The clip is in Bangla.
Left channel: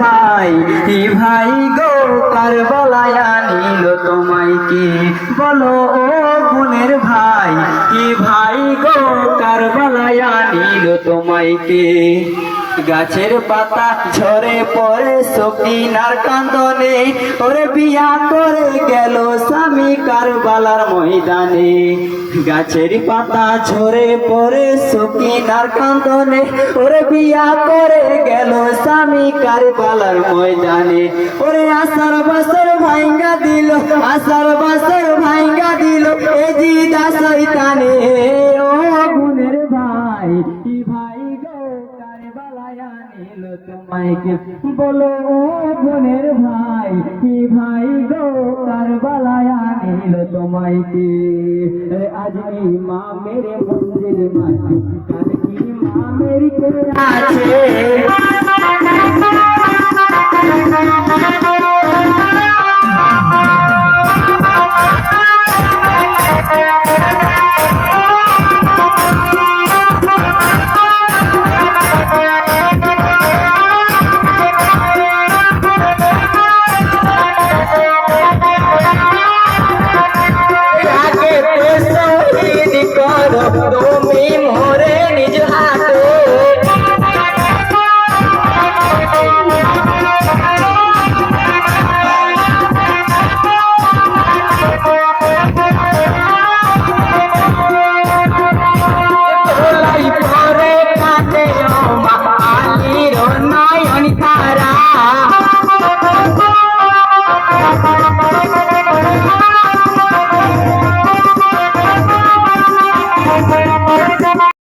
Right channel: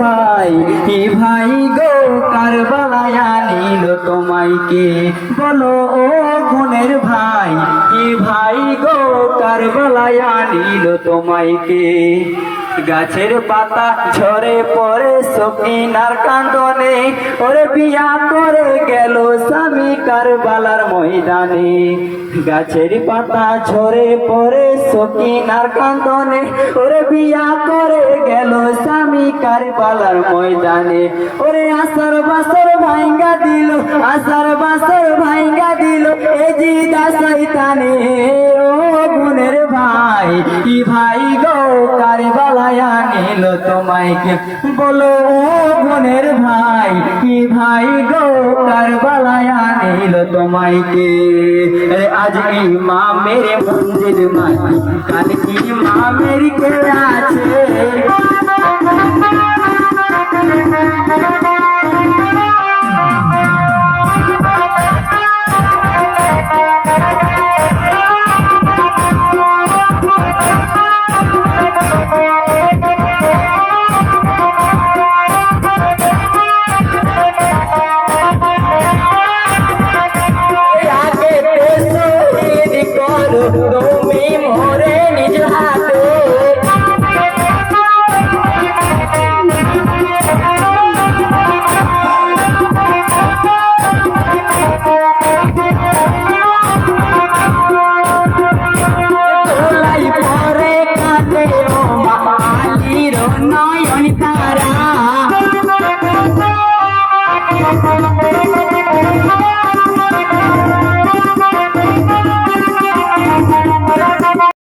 ভাই, কি ভাই গো কারবালায় আনিল তোমায় কে? বলো ও গুণের ভাই, কি ভাই গো কারবালায় আনিল তোমায় কে? গাছের পাতা ঝরে পড়ে সকিনার কান্দনে, ওরে বিয়া করে গেল স্বামী কারবালার ময়দানে। গাছের পাতা ঝরে পড়ে সকিনার কান্দনে, ওরে বিয়া করে গেল স্বামী কারবালার ময়দানে। ওরে আসার বাসর ভাঙ্গা দিল, আসার বাসর ভাঙ্গা দিল এ জিদা শয়তানে। ও গুণের ভাই, কি ভাই গো কারবালায় আনিল তোমায় কে? বলো ও গুণের ভাই, কি ভাই গো কারবালায় আনিল তোমায় কে? আজ ইমামের মন্দির মাটি, কাল কি ইমামের কে আছে?